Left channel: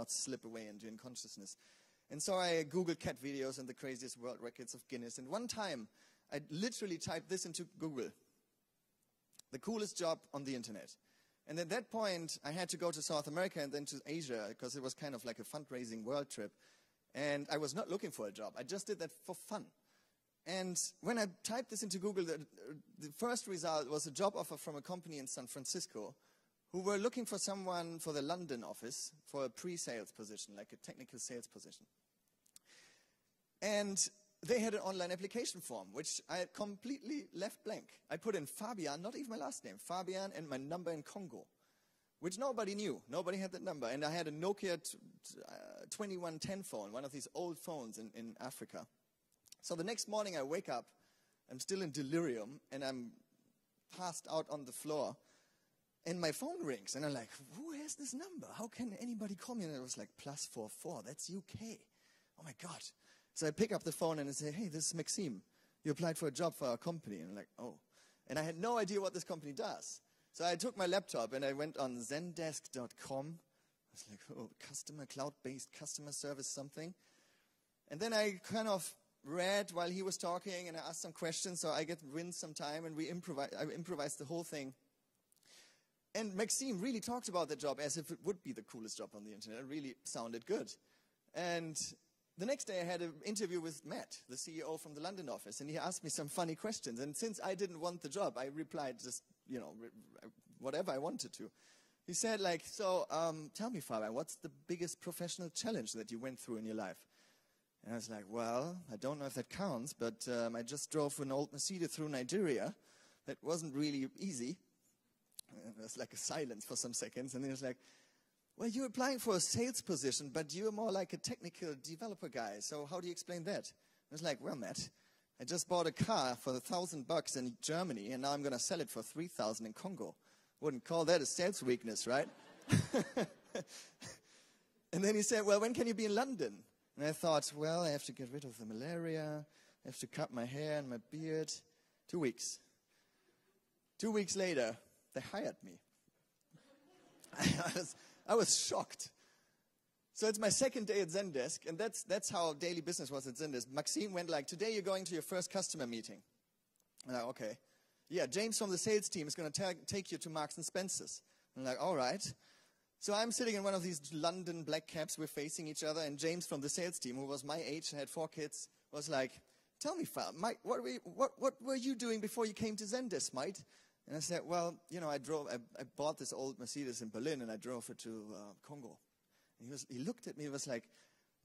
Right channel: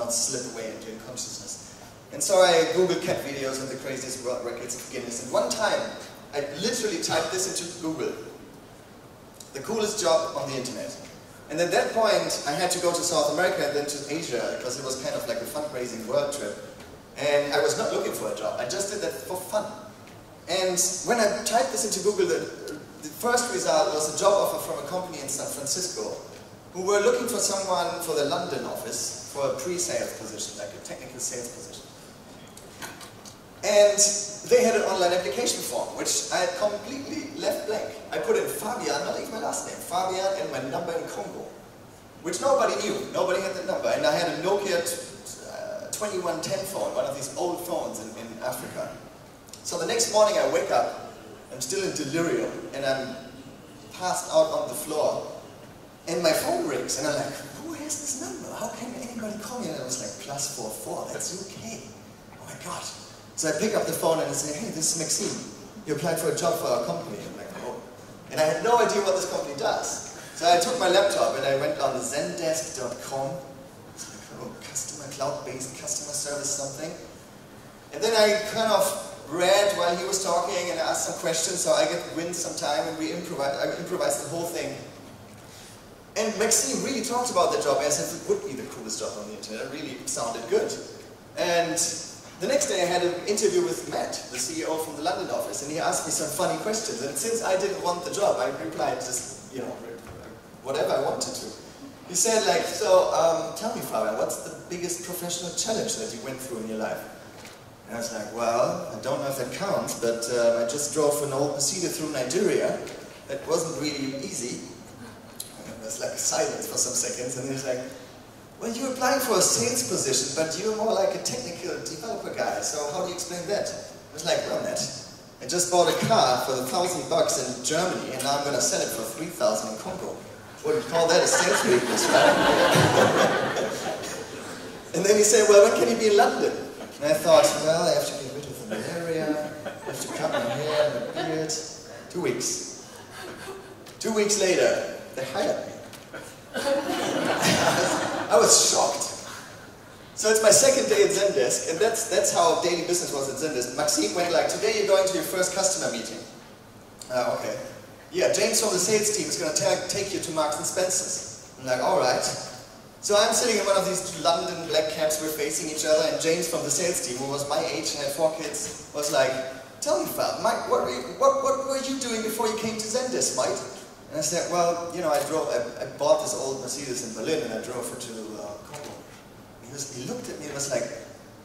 not slip away into unconsciousness. And so I Googled cat videos and the craziest world records of Guinness. And one time, I literally typed this into Google. The coolest job on the internet. And at that point, I had to go to South America and then to Asia, because it was kind of like a fundraising world trip. And I was not looking for a job, I just did that for fun. And when I typed this into Google, the first result was a job offer from a company in San Francisco, who were looking for someone for the London office, for a pre-sales position, like a technical sales position. And they had an online application form, which I had completely left blank. I put in Fabian, not even my last name, Fabian, and my number in Congo, which nobody knew. Nobody had that number. And I had a Nokia 2110 phone, one of these old phones in Africa. So the next morning I wake up, I'm still in delirium, and I'm passed out on the floor, and my phone rings, and I'm like, who has this number? How can anybody call me? And I was like, +44, that's UK. Oh my God. So I pick up the phone and I say, hey, this is Maxime. You applied for a job for our company. I'm like, oh. And I had no idea what this company does. So I took my laptop and I went on zendesk.com, cloud-based customer service something. And then I kind of read while he was talking and asked some questions, so I get wind some time, and I improvised the whole thing. And Maxime really talked about the job as if it would be the coolest job on the internet. It really sounded good. And the next day I had an interview with Matt, the CEO from the London office, and he asked me some funny questions. And since I didn't want the job, I replied just, you know, whatever I wanted to. He said, like, so tell me, Fabian, what's the biggest professional challenge that you went through in your life? And I was like, well, I don't know if that counts, but I just drove an old Mercedes through Nigeria. That wasn't really easy. And there was like silence for some seconds, and he was like, well, you're applying for a sales position, but you're more like a technical developer guy, so how do you explain that? I was like, well, Matt, I just bought a car for $1,000 in Germany, and now I'm going to sell it for $3,000 in Congo. Wouldn't call that a sales weakness, right? And then he said, well, when can you be in London? And I thought, well, I have to get rid of the malaria, I have to cut my hair and my beard. 2 weeks. 2 weeks later, they hired me. I was shocked. So it's my second day at Zendesk, and that's how daily business was at Zendesk. Maxime went like, today you're going to your first customer meeting. Okay. Yeah, James from the sales team is going to take you to Marks and Spencer's. I'm like, all right. So I'm sitting in one of these London black cabs, we're facing each other, and James from the sales team, who was my age and had 4 kids, was like, tell me, Fab, Mike, what were you doing before you came to Zendesk, Mike? And I said, well, you know, I bought this old Mercedes in Berlin, and I drove her to Congo. He looked at me and was like,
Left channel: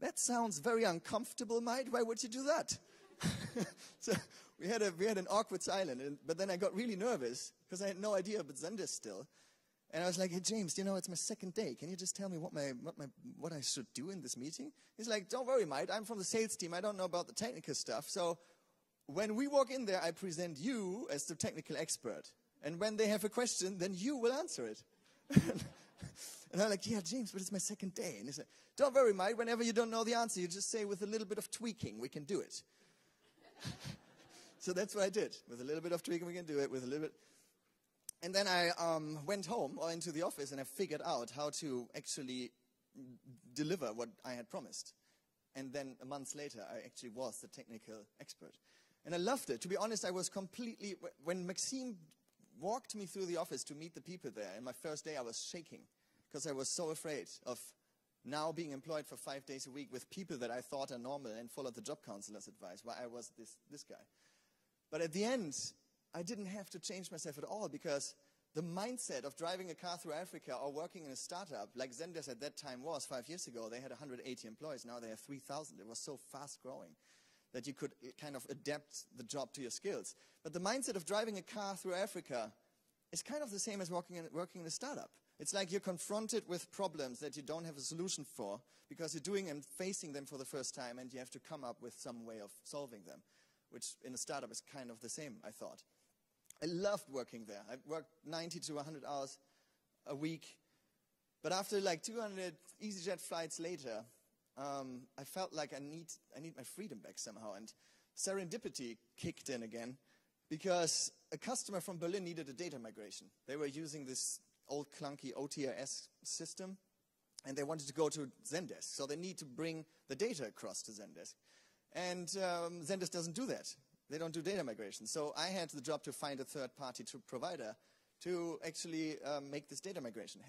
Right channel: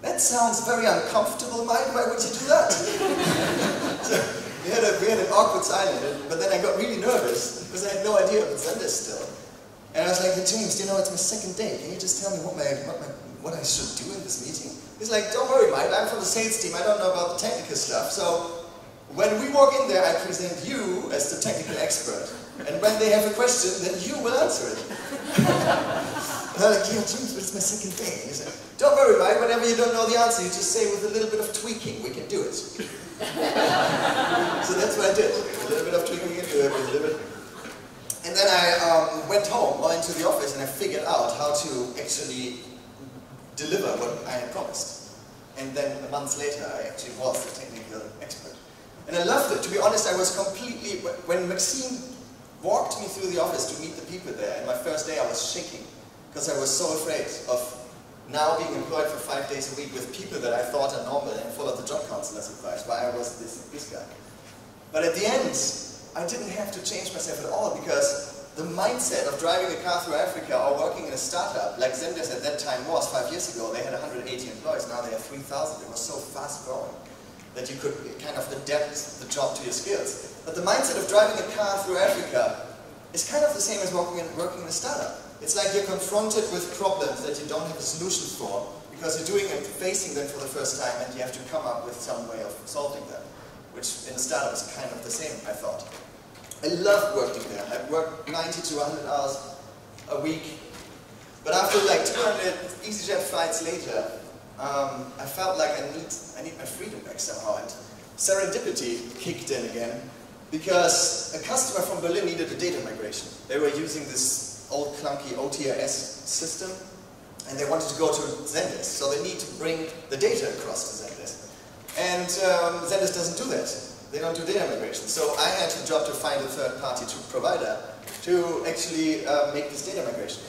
that sounds very uncomfortable, Mike, why would you do that? So we had an awkward silence, but then I got really nervous, because I had no idea about Zendesk still. And I was like, hey, James, you know, it's my second day. Can you just tell me what I should do in this meeting? He's like, don't worry, Mike, I'm from the sales team. I don't know about the technical stuff. So when we walk in there, I present you as the technical expert. And when they have a question, then you will answer it. And I'm like, yeah, James, but it's my second day. And he said, don't worry, Mike, whenever you don't know the answer, you just say with a little bit of tweaking, we can do it. So that's what I did. A little bit of tweaking, and do it, a little bit. And then I went home, or into the office, and I figured out how to actually deliver what I had promised. And then a month later, I actually was the technical expert. And I loved it. To be honest, I was completely, when Maxime walked me through the office to meet the people there, and my first day I was shaking, because I was so afraid of now being employed for 5 days a week with people that I thought are normal and followed the job counselor's advice, why I was this guy. But at the end, I didn't have to change myself at all, because the mindset of driving a car through Africa or working in a startup, like Zendesk at that time was 5 years ago, they had 180 employees, now they have 3,000. It was so fast growing that you could kind of adapt the job to your skills. But the mindset of driving a car through Africa is kind of the same as working in a startup. It's like you're confronted with problems that you don't have a solution for, because you're doing and facing them for the first time, and you have to come up with some way of solving them, which in a startup is kind of the same, I thought. I loved working there. I worked 90 to 100 hours a week. But after like 200 EasyJet flights later, I felt like I need my freedom back somehow. And serendipity kicked in again, because a customer from Berlin needed a data migration. They were using this old clunky OTRS system, and they wanted to go to Zendesk, so they need to bring the data across to Zendesk. And Zendesk doesn't do that. They don't do data migration. So I had the job to find a third-party provider to actually make this data migration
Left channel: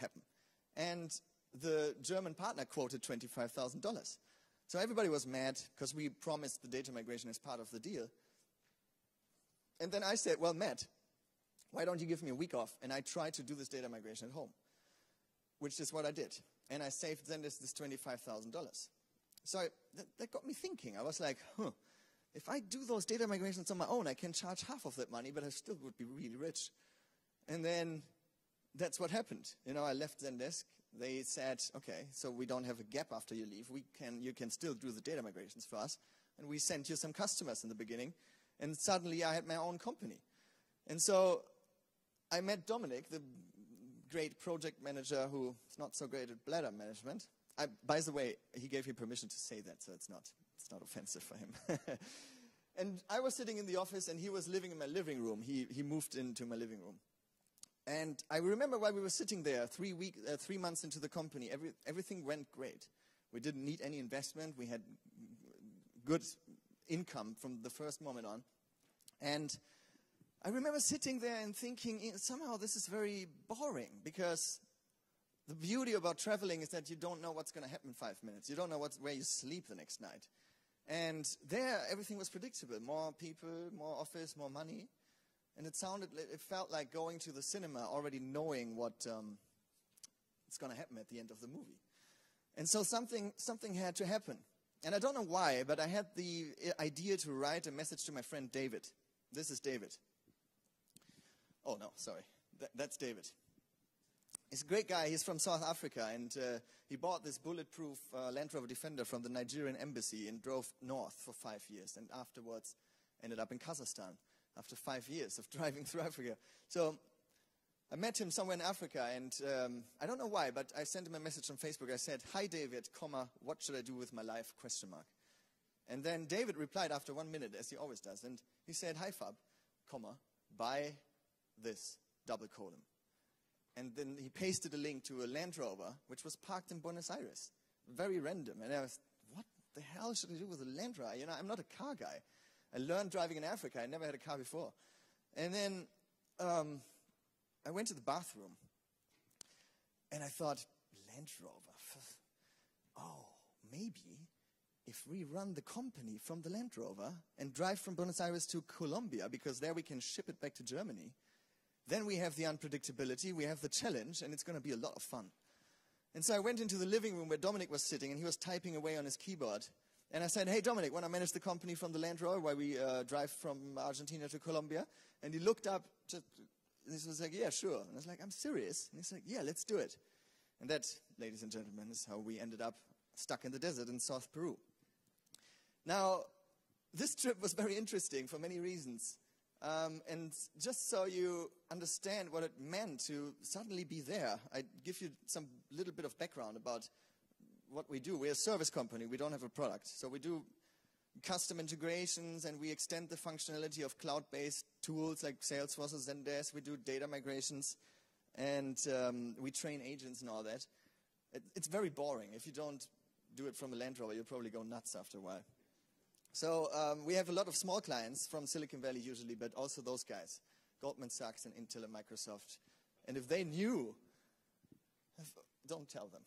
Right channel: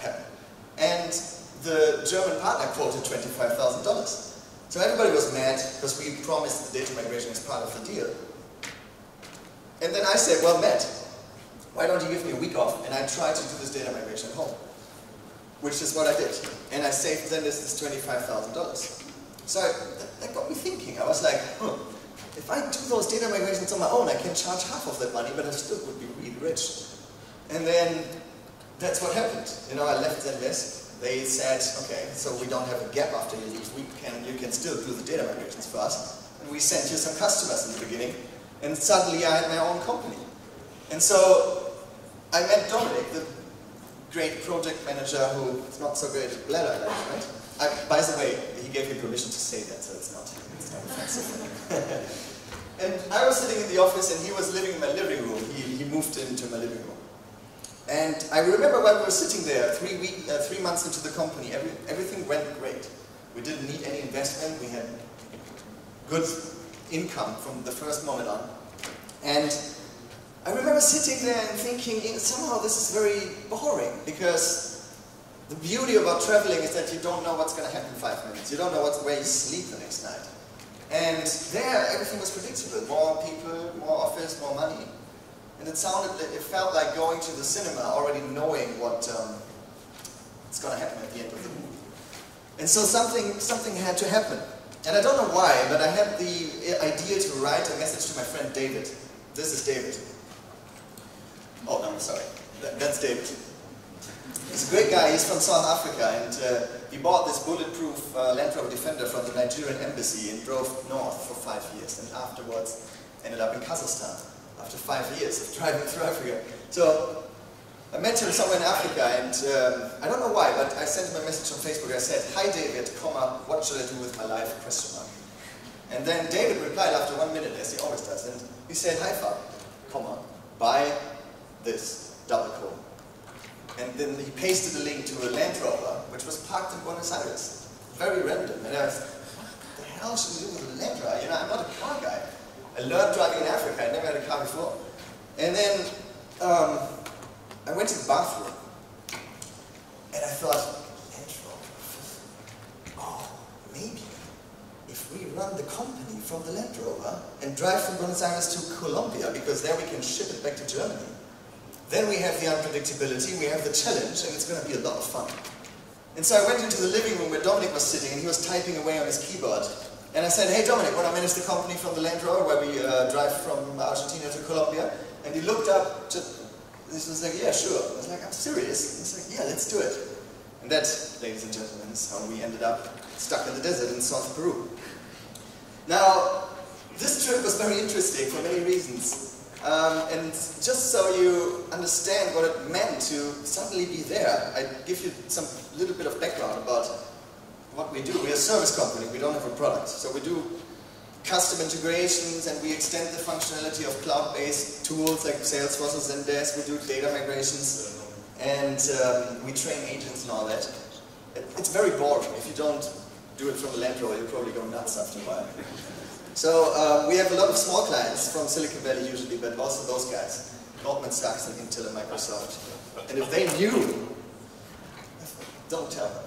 happen. And the German partner quoted $25,000. So everybody was mad because we promised the data migration as part of the deal. And then I said, well, Matt, why don't you give me a week off and I try to do this data migration at home? Which is what I did. And I saved Zendesk this $25,000. So that got me thinking. I was like, if I do those data migrations on my own, I can charge half of that money, but I still would be really rich. And then that's what happened. You know, I left Zendesk. They said, okay, so we don't have a gap after you leave. You can still do the data migrations for us. And we sent you some customers in the beginning. And suddenly I had my own company. And so I met Dominic, the great project manager who is not so great at bladder management. By the way, he gave me permission to say that, so it's not offensive. And I was sitting in the office and he was living in my living room. He moved into my living room. And I remember when we were sitting there, 3 months into the company, everything went great. We didn't need any investment. We had good income from the first moment on. And I remember sitting there and thinking, somehow this is very boring, because the beauty about traveling is that you don't know what's going to happen in 5 minutes. You don't know where you sleep the next night. And there, everything was predictable. More people, more office, more money. And it felt like going to the cinema, already knowing what's going to happen at the end of the movie. And so something had to happen. And I don't know why, but I had the idea to write a message to my friend David. This is David. Oh, no, I'm sorry. That's David. He's a great guy. He's from South Africa, and he bought this bulletproof Land Rover Defender from the Nigerian embassy and drove north for 5 years, and afterwards ended up in Kazakhstan after 5 years of driving through Africa. So I met him somewhere in Africa, and I don't know why, but I sent him a message on Facebook. I said, "Hi David, what should I do with my life? ? And then David replied after 1 minute, as he always does, and he said, "Hi Fab, buy this, double quote." And then he pasted a link to a Land Rover, which was parked in Buenos Aires. Very random. And I was, what the hell should we do with a Land Rover? You know, I'm not a car guy. I learned driving in Africa. I never had a car before. And then I went to the bathroom, and I thought, Land Rover. Oh, maybe if we run the company from the Land Rover and drive from Buenos Aires to Colombia, because there we can ship it back to Germany. Then we have the unpredictability, we have the challenge, and it's going to be a lot of fun. And so I went into the living room where Dominic was sitting, and he was typing away on his keyboard. And I said, "Hey Dominic, want to manage the company from the Land Rover, where we drive from Argentina to Colombia?" And he looked up, he was like, "Yeah, sure." I was like, "I'm serious." And he's like, "Yeah, let's do it." And that, ladies and gentlemen, is how we ended up stuck in the desert in South Peru. Now, this trip was very interesting for many reasons. And just so you understand what it meant to suddenly be there, I give you some little bit of background about what we do. We're a service company, we don't have a product. So we do custom integrations, and we extend the functionality of cloud-based tools like Salesforce and Zendesk. We do data migrations, and we train agents and all that. It's very boring. If you don't do it from the Land Rover, you'll probably go nuts after a while. So we have a lot of small clients from Silicon Valley usually, but also those guys, Goldman Sachs and Intel and Microsoft. And if they knew, don't tell them.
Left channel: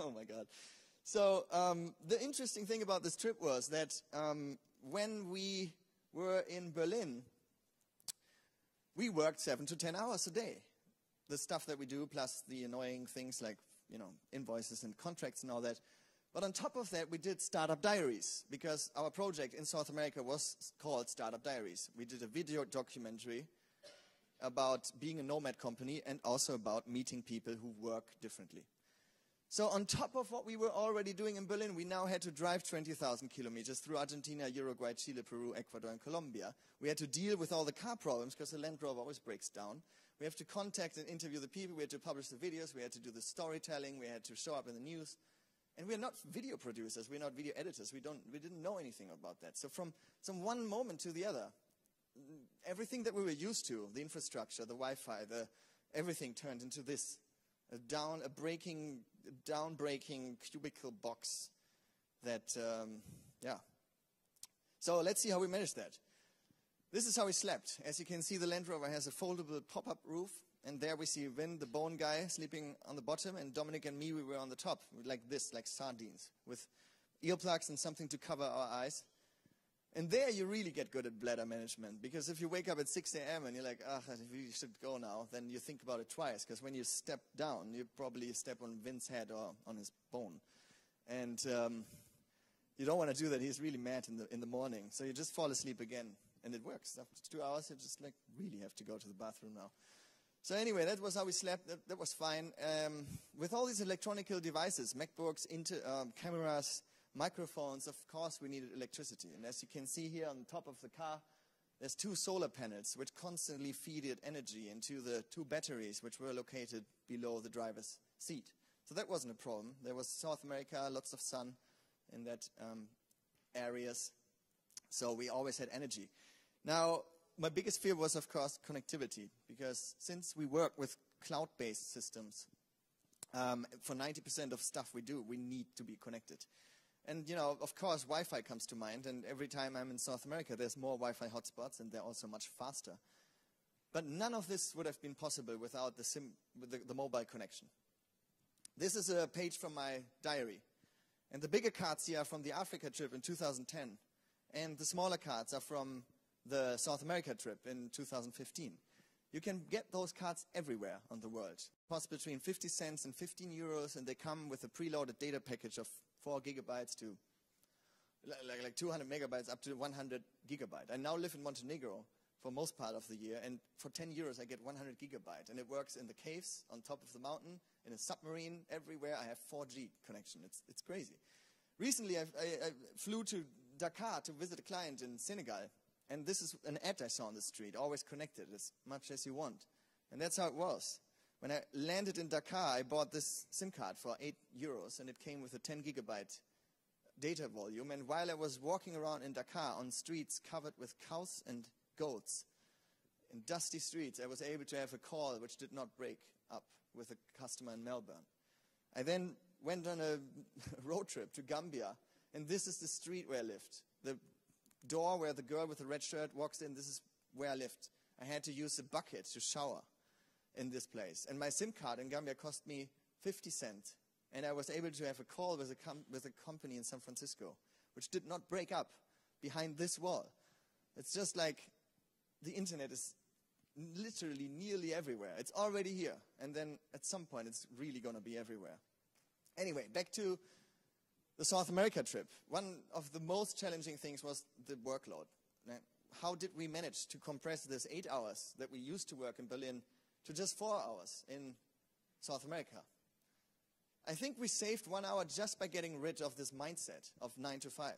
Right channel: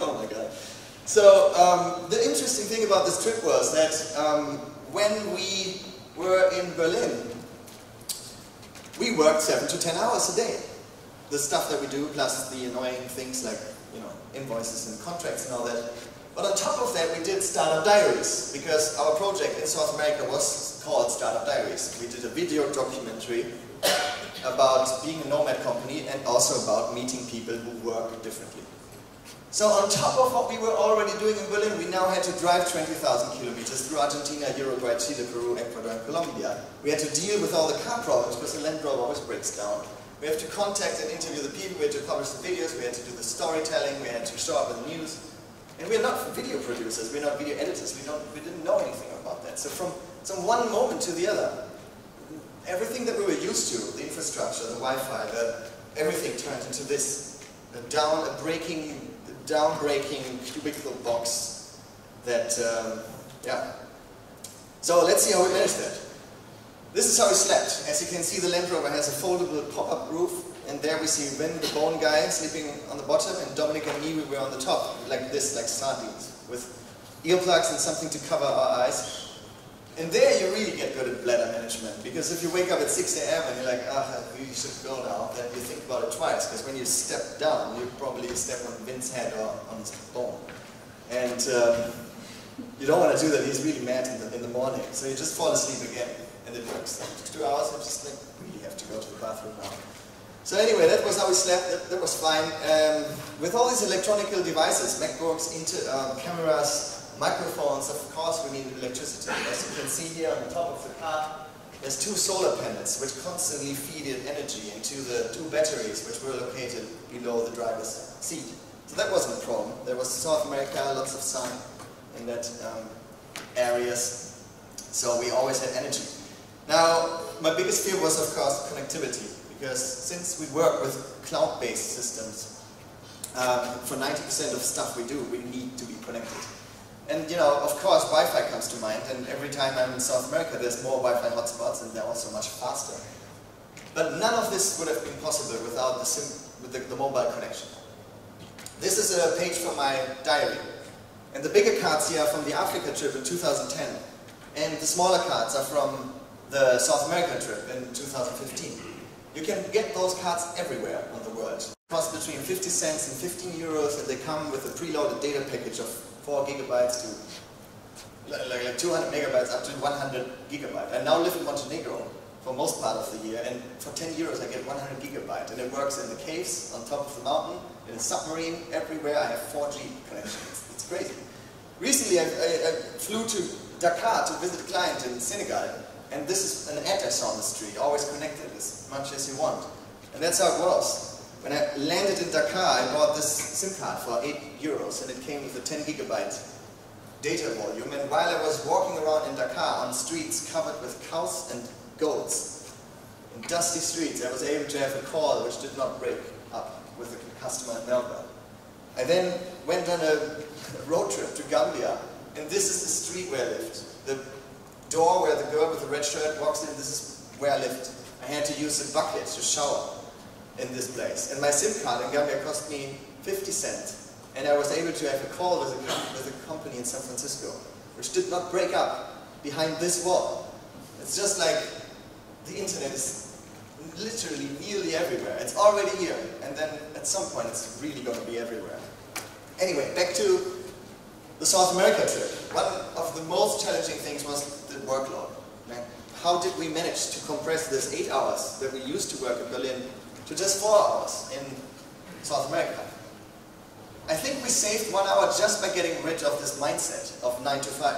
Oh my God. So the interesting thing about this trip was that when we were in Berlin, we worked 7 to 10 hours a day. The stuff that we do, plus the annoying things like, you know, invoices and contracts and all that. But on top of that, we did Startup Diaries, because our project in South America was called Startup Diaries. We did a video documentary about being a nomad company and also about meeting people who work differently. So on top of what we were already doing in Berlin, we now had to drive 20,000 kilometers through Argentina, Uruguay, Chile, Peru, Ecuador, and Colombia. We had to deal with all the car problems, because the Land Rover always breaks down. We have to contact and interview the people, we had to publish the videos, we had to do the storytelling, we had to show up with the news. And we're not video producers, we're not video editors, we didn't know anything about that. So from one moment to the other, everything that we were used to, the infrastructure, the Wi-Fi, everything turned into this. down-breaking cubicle box that, yeah. So let's see how we manage that. This is how we slept. As you can see, the Land Rover has a foldable pop-up roof, and there we see Wim, the bone guy, sleeping on the bottom, and Dominic and me, we were on the top, like this, like sardines, with earplugs and something to cover our eyes. And there you really get good at bladder management, because if you wake up at 6 AM and you're like, you should go now, then you think about it twice, because when you step down, you probably step on Vin's head or on his bone. And you don't want to do that, he's really mad in the morning. So you just fall asleep again, and it works. After 2 hours, I'm just like, really have to go to the bathroom now. So anyway, that was how we slept, that was fine. With all these electronic devices, MacBooks, cameras, microphones, of course we needed electricity. As you can see here on the top of the car, there's 2 solar panels which constantly feed energy into the 2 batteries which were located below the driver's seat. So that wasn't a problem. There was South America, lots of sun in that areas, so we always had energy. Now, my biggest fear was, of course, connectivity, because since we work with cloud-based systems, for 90% of stuff we do, we need to be connected. And you know, of course, Wi-Fi comes to mind, and every time I'm in South America, there's more Wi-Fi hotspots, and they're also much faster. But none of this would have been possible without the mobile connection. This is a page from my diary, and the bigger cards here are from the Africa trip in 2010, and the smaller cards are from the South America trip in 2015. You can get those cards everywhere on the world. They cost between 50 cents and 15 euros, and they come with a preloaded data package of 4 gigabytes to like 200 megabytes up to 100 gigabytes. I now live in Montenegro for most part of the year, and for 10 euros I get 100 gigabytes, and it works in the caves, on top of the mountain, in a submarine, everywhere. I have 4G connections. It's crazy. Recently I flew to Dakar to visit a client in Senegal, and this is an ad I saw on the street, always connected as much as you want. And that's how it was. When I landed in Dakar, I bought this SIM card for 8 euros, and it came with a 10 gigabyte data volume. And while I was walking around in Dakar on streets covered with cows and goats, in dusty streets, I was able to have a call which did not break up with a customer in Melbourne. I then went on a road trip to Gambia, and this is the street where I lived. The door where the girl with the red shirt walks in, this is where I lived. I had to use a bucket to shower in this place. And my SIM card in Gambia cost me 50 cents. And I was able to have a call with a company in San Francisco, which did not break up behind this wall. It's just like the internet is literally nearly everywhere. It's already here, and then at some point it's really going to be everywhere. Anyway, back to the South America trip. One of the most challenging things was the workload. How did we manage to compress this 8 hours that we used to work in Berlin to just 4 hours in South America? I think we saved 1 hour just by getting rid of this mindset of 9 to 5.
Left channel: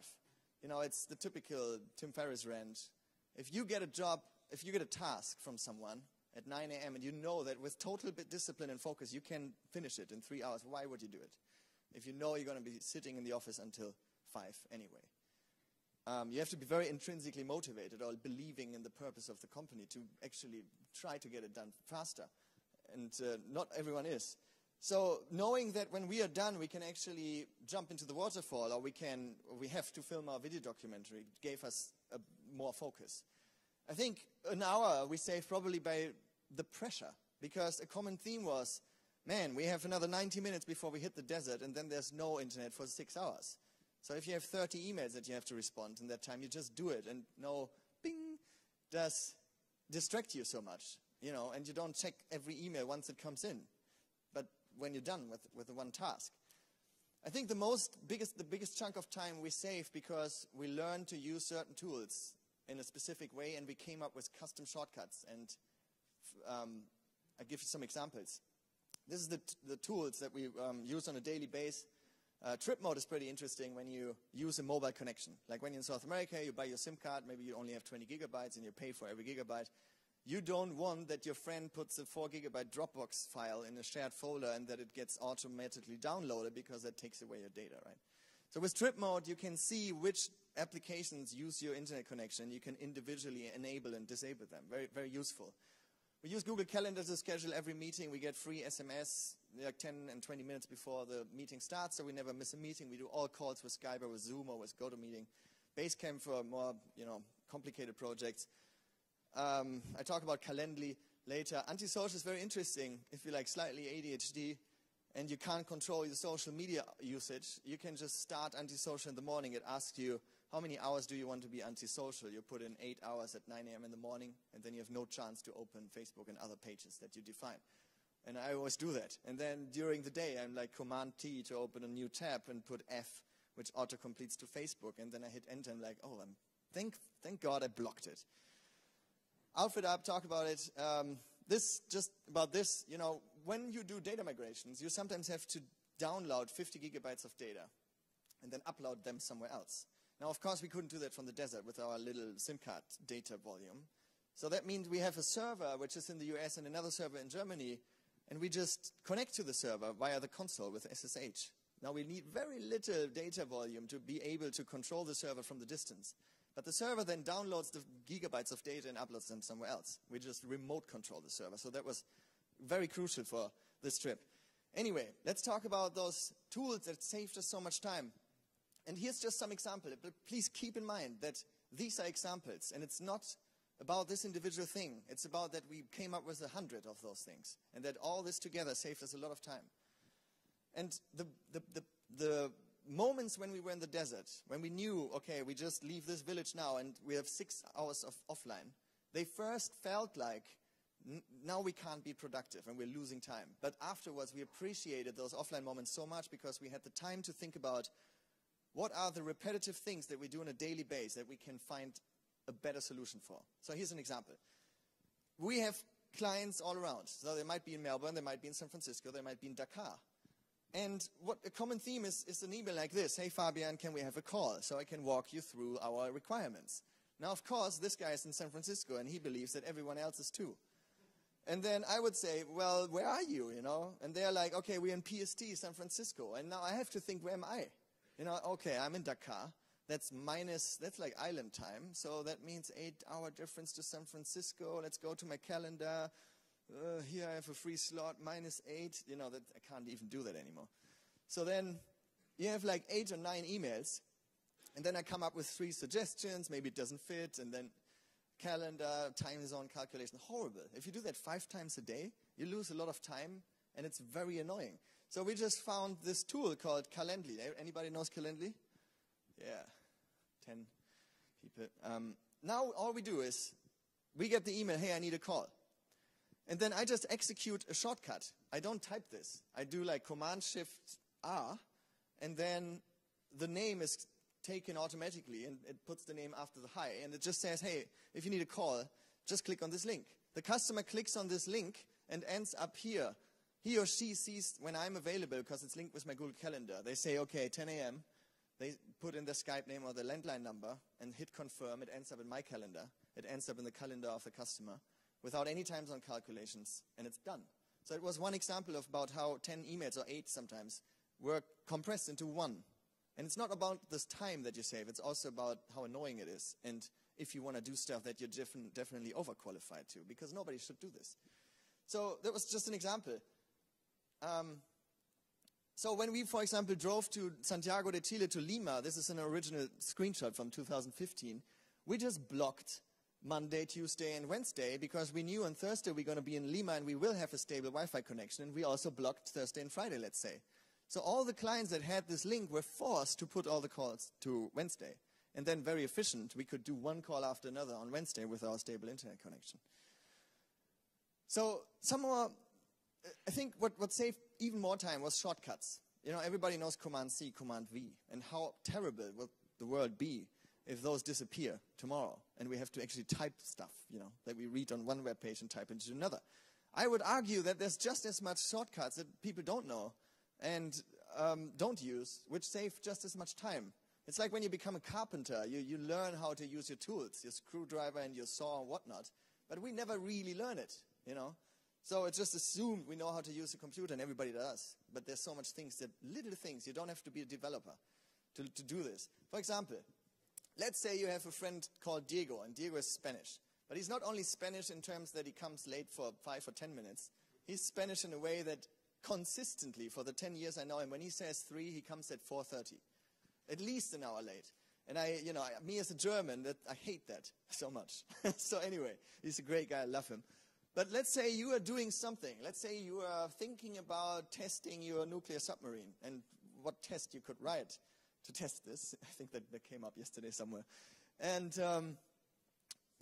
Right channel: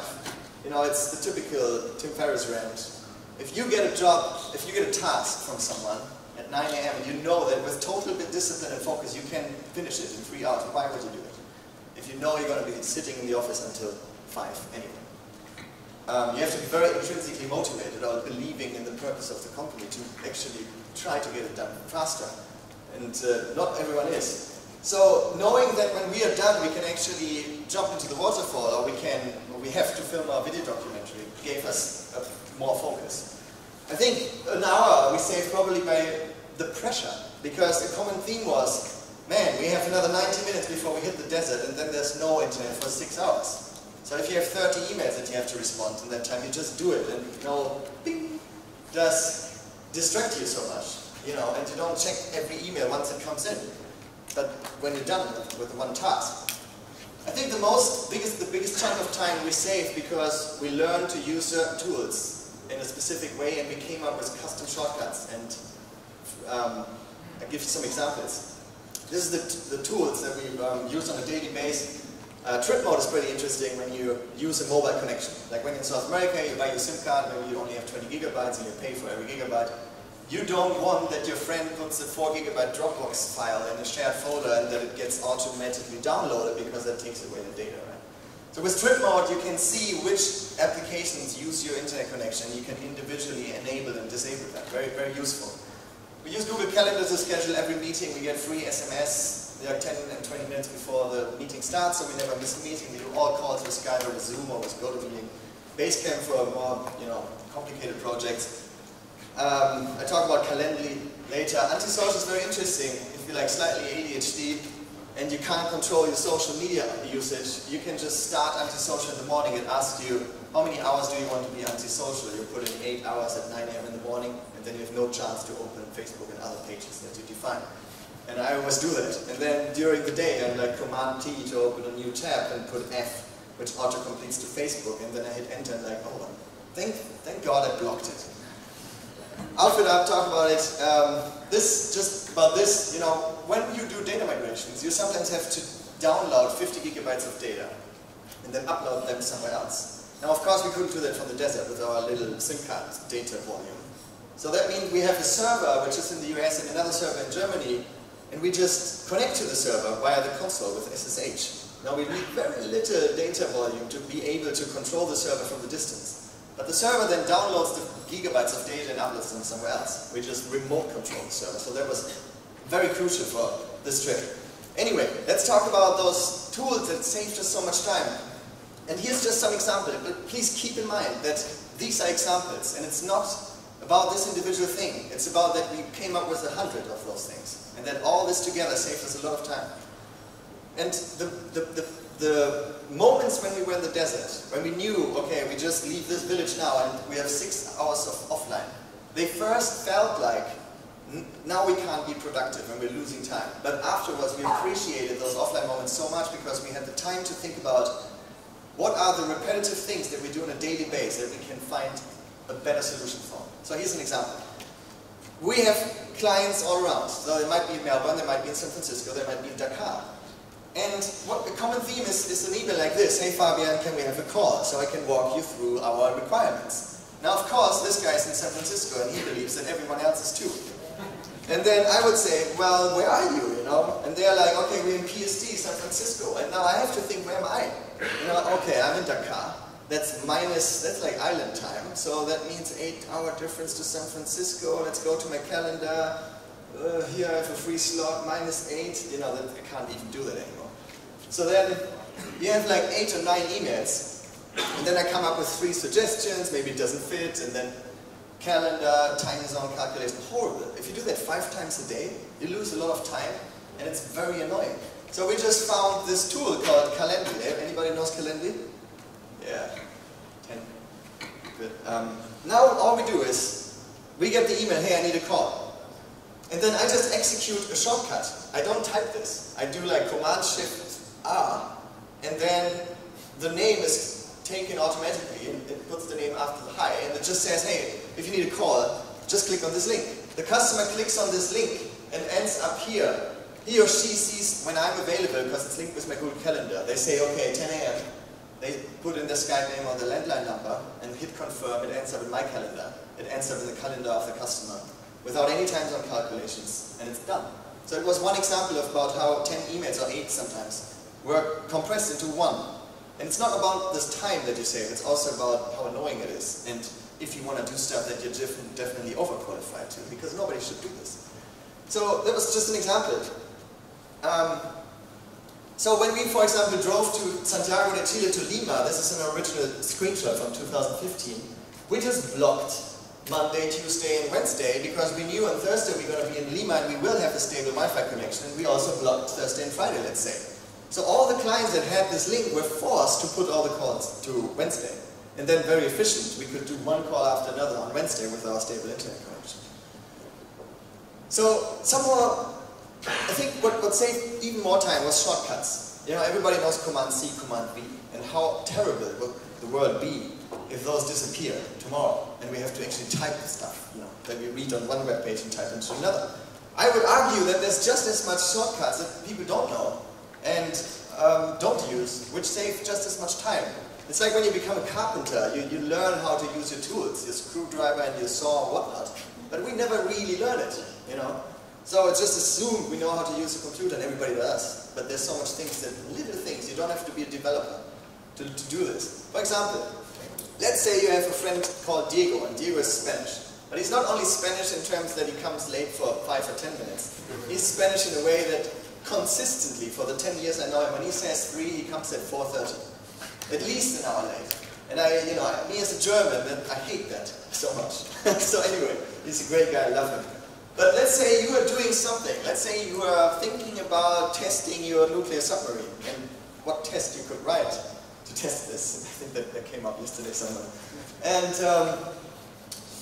You know, it's the typical Tim Ferriss rant. If you get a job, if you get a task from someone at 9 AM and you know that with total discipline and focus you can finish it in 3 hours, why would you do it? If you know you're going to be sitting in the office until 5 anyway. You have to be very intrinsically motivated or believing in the purpose of the company to actually try to get it done faster. And not everyone is. So knowing that when we are done we can actually jump into the waterfall, or we have to film our video documentary, gave us more focus. I think an hour we saved probably by the pressure, because the common theme was, man, we have another 90 minutes before we hit the desert, and then there's no internet for 6 hours. So if you have 30 emails that you have to respond in that time, you just do it, and no bing does distract you so much, you know, and you don't check every email once it comes in. But when you're done with one task, I think the biggest chunk of time we saved because we learned to use certain tools in a specific way, and we came up with custom shortcuts. And I'll give you some examples. This is the tools that we use on a daily basis. Trip mode is pretty interesting when you use a mobile connection. Like when in South America, you buy your SIM card, maybe you only have 20 gigabytes and you pay for every gigabyte. You don't want that your friend puts a 4 gigabyte Dropbox file in a shared folder and that it gets automatically downloaded, because that takes away the data, right? So with trip mode, you can see which applications use your internet connection. You can individually enable and disable them. Very, very useful. We use Google Calendar to schedule every meeting. We get free SMS like 10 and 20 minutes before the meeting starts, so we never miss a meeting. We do all calls with Skype or with Zoom or with GoToMeeting. Basecamp for more, complicated projects. I talk about Calendly later. Antisocial is very interesting. If you're like slightly ADHD and you can't control your social media usage, you can just start antisocial in the morning. It asks you, how many hours do you want to be antisocial? You put in 8 hours at 9 AM in the morning, and then you have no chance to open Facebook and other pages that you define. And I always do that. And then during the day, I'm like Command T to open a new tab and put F, which auto-completes to Facebook. And then I hit Enter and like, oh, thank God I blocked it. Outfit Up, talk about it. Just about this, when you do data migrations, you sometimes have to download 50 gigabytes of data and then upload them somewhere else. Now, of course, we couldn't do that from the desert with our little SIM card data volume. So that means we have a server, which is in the US, and another server in Germany, and we just connect to the server via the console with SSH. Now, we need very little data volume to be able to control the server from the distance. But the server then downloads the gigabytes of data and uploads them somewhere else. We just remote control the server. So that was very crucial for this trip. Anyway, let's talk about those tools that saved us so much time. And here's just some examples, but please keep in mind that these are examples, and it's not about this individual thing. It's about that we came up with 100 of those things, and that all this together saved us a lot of time. And the moments when we were in the desert, when we knew, okay, we just leave this village now and we have 6 hours of offline, they first felt like, now we can't be productive and we're losing time. But afterwards we appreciated those offline moments so much because we had the time to think about what are the repetitive things that we do on a daily basis that we can find a better solution for. So here's an example. We have clients all around. So they might be in Melbourne, they might be in San Francisco, they might be in Dakar. And what the common theme is an email like this: hey Fabian, can we have a call so I can walk you through our requirements? Now of course this guy's in San Francisco and he believes that everyone else is too. And then I would say, well, where are you, And they're like, okay, we're in PSD, San Francisco. And now I have to think, where am I? Okay, I'm in Dakar. That's like island time. So that means 8-hour difference to San Francisco. Let's go to my calendar. Here I have a free slot, -8. I can't even do that anymore. So then you have like 8 or 9 emails. And then I come up with 3 suggestions. Maybe it doesn't fit. And then calendar, time zone calculation, horrible. If you do that 5 times a day, you lose a lot of time, and it's very annoying. So we just found this tool called Calendly. Anybody knows Calendly? Yeah, 10. Good. Now all we do is, we get the email, hey, I need a call. And then I just execute a shortcut. I don't type this. I do like Command-Shift-R, and then the name is taken automatically, and it puts the name after the hi, and it just says, hey, if you need a call, just click on this link. The customer clicks on this link and ends up here. He or she sees when I'm available because it's linked with my Google Calendar. They say, okay, 10 AM. They put in the Skype name or the landline number and hit confirm. It ends up in my calendar. It ends up in the calendar of the customer without any time zone calculations, and it's done. So it was one example of about how 10 emails, or 8 sometimes, were compressed into one. And it's not about this time that you save, it's also about how annoying it is. And if you want to do stuff that you're definitely overqualified to, because nobody should do this. So that was just an example. So when we, for example, drove to Santiago de Chile to Lima, this is an original screenshot from 2015, we just blocked Monday, Tuesday, and Wednesday because we knew on Thursday we're going to be in Lima and we will have a stable Wi-Fi connection, and we also blocked Thursday and Friday, let's say. So all the clients that had this link were forced to put all the calls to Wednesday. And then very efficient, we could do one call after another on Wednesday with our stable internet connection. So somehow, I think what saved even more time was shortcuts. Everybody knows Command C, Command V, and how terrible would the world be if those disappear tomorrow and we have to actually type the stuff, that we read on one web page and type into another. I would argue that there's just as much shortcuts that people don't know and don't use, which save just as much time. It's like when you become a carpenter, you learn how to use your tools, your screwdriver and your saw and whatnot, but we never really learn it, So it's just assumed we know how to use a computer, and everybody does, but there's so much little things, you don't have to be a developer to do this. For example, let's say you have a friend called Diego, and Diego is Spanish. But he's not only Spanish in terms that he comes late for 5 or 10 minutes, he's Spanish in a way that consistently for the 10 years I know him. When he says 3, he comes at 4:30. At least an hour late. And me as a German, I hate that so much. So anyway, he's a great guy, I love him. But let's say you are doing something. Let's say you are thinking about testing your nuclear submarine and what test you could write to test this. I think that came up yesterday somewhere. And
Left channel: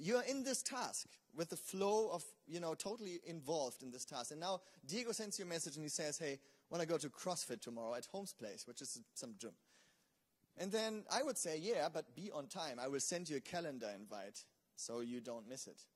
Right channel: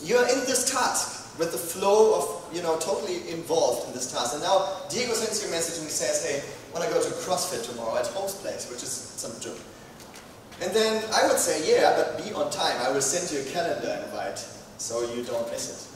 you're in this task with the flow of, totally involved in this task. And now Diego sends you a message and he says, hey, I want to go to CrossFit tomorrow at Holmes Place, which is some joke. And then I would say, yeah, but be on time. I will send you a calendar invite so you don't miss it.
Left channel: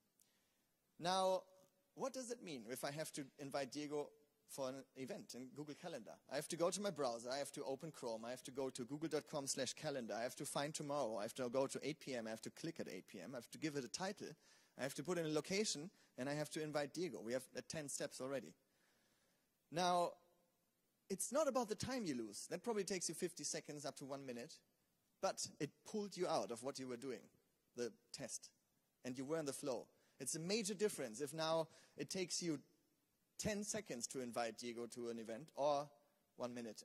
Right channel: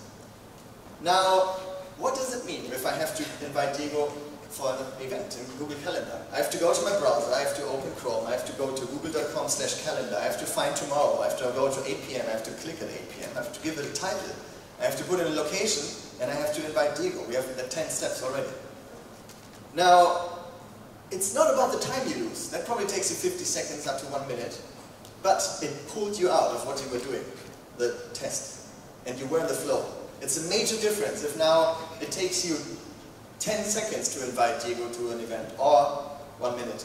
Now, what does it mean if I have to invite Diego for an event in Google Calendar? I have to go to my browser, I have to open Chrome, I have to go to google.com/calendar, I have to find tomorrow, I have to go to 8 p.m., I have to click at 8 p.m., I have to give it a title, I have to put in a location, and I have to invite Diego. We have the 10 steps already. Now, it's not about the time you lose. That probably takes you 50 seconds up to 1 minute. But it pulled you out of what you were doing, the test. And you were in the flow. It's a major difference if now it takes you 10 seconds to invite Diego to an event, or 1.5 minutes.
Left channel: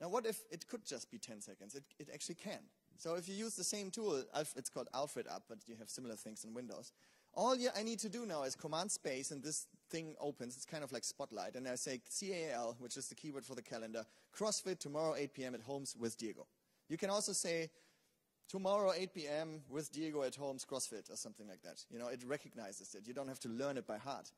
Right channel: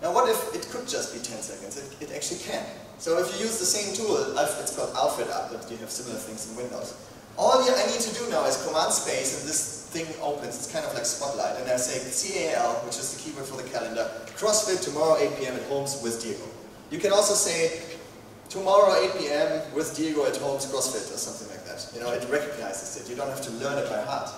Now what if it could just be 10 seconds? It actually can. So if you use the same tool, it's called Alfred App, but you have similar things in Windows. All I need to do now is command space, and this thing opens. It's kind of like Spotlight, and I say CAL, which is the keyword for the calendar, CrossFit tomorrow 8 p.m. at Holmes with Diego. You can also say tomorrow 8 p.m. with Diego at Holmes CrossFit or something like that. It recognizes it. You don't have to learn it by heart.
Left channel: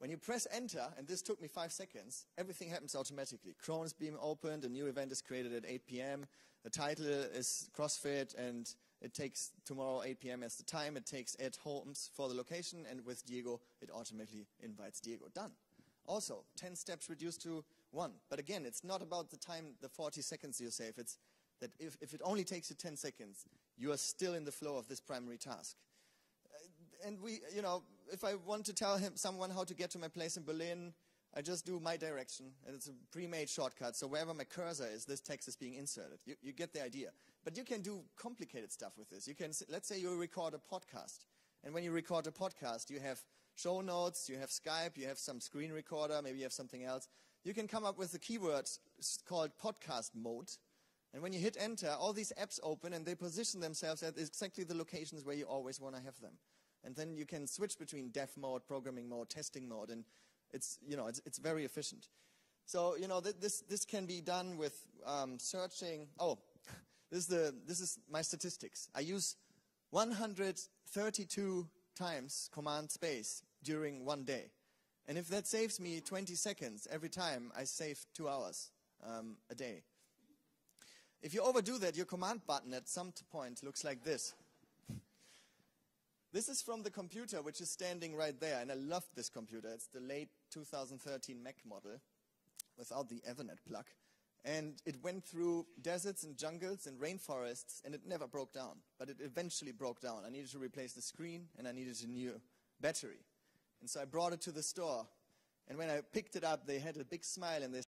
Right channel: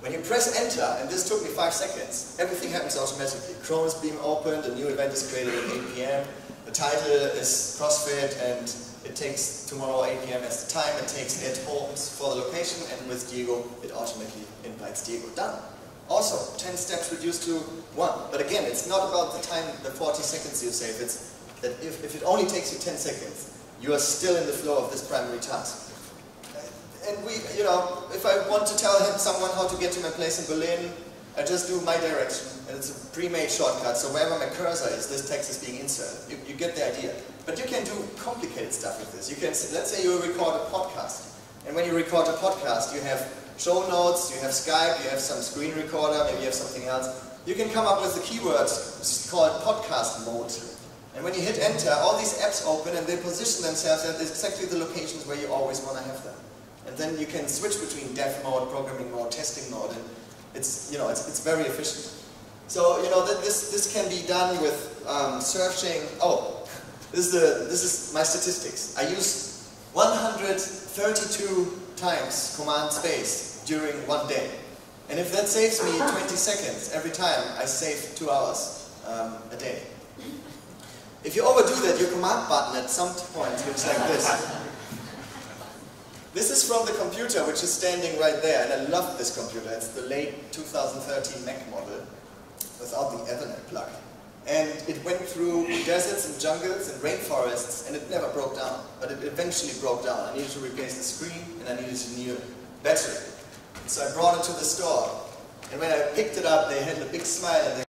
When you press enter, and this took me 5 seconds, everything happens automatically. Chrome is being opened, a new event is created at 8 p.m. The title is CrossFit, and it takes tomorrow 8 p.m. as the time. It takes at Holmes for the location, and with Diego, it automatically invites Diego. Done. Also, 10 steps reduced to 1. But again, it's not about the time, the 40 seconds you save. It's that if it only takes you 10 seconds, you are still in the flow of this primary task. And if I want to tell someone how to get to my place in Berlin, I just do my direction, and it's a pre-made shortcut, so wherever my cursor is, this text is being inserted. You get the idea. But you can do complicated stuff with this. You can, let's say you record a podcast, and when you record a podcast, you have show notes, you have Skype, you have some screen recorder, maybe you have something else. You can come up with the keywords, which is called podcast mode. And when you hit enter, all these apps open and they position themselves at exactly the locations where you always want to have them. And then you can switch between dev mode, programming mode, testing mode, and it's very efficient. So this can be done with searching. Oh, this is my statistics. I use 132 times command space during 1 day, and if that saves me 20 seconds every time, I save 2 hours a day. If you overdo that, your command button at some point looks like this. This is from the computer, which is standing right there, and I love this computer. It's the late 2013 Mac model without the Ethernet plug. And it went through deserts and jungles and rainforests, and it never broke down. But it eventually broke down. I needed to replace the screen, and I needed a new battery. So I brought it to the store. And when I picked it up, they had a big smile, and they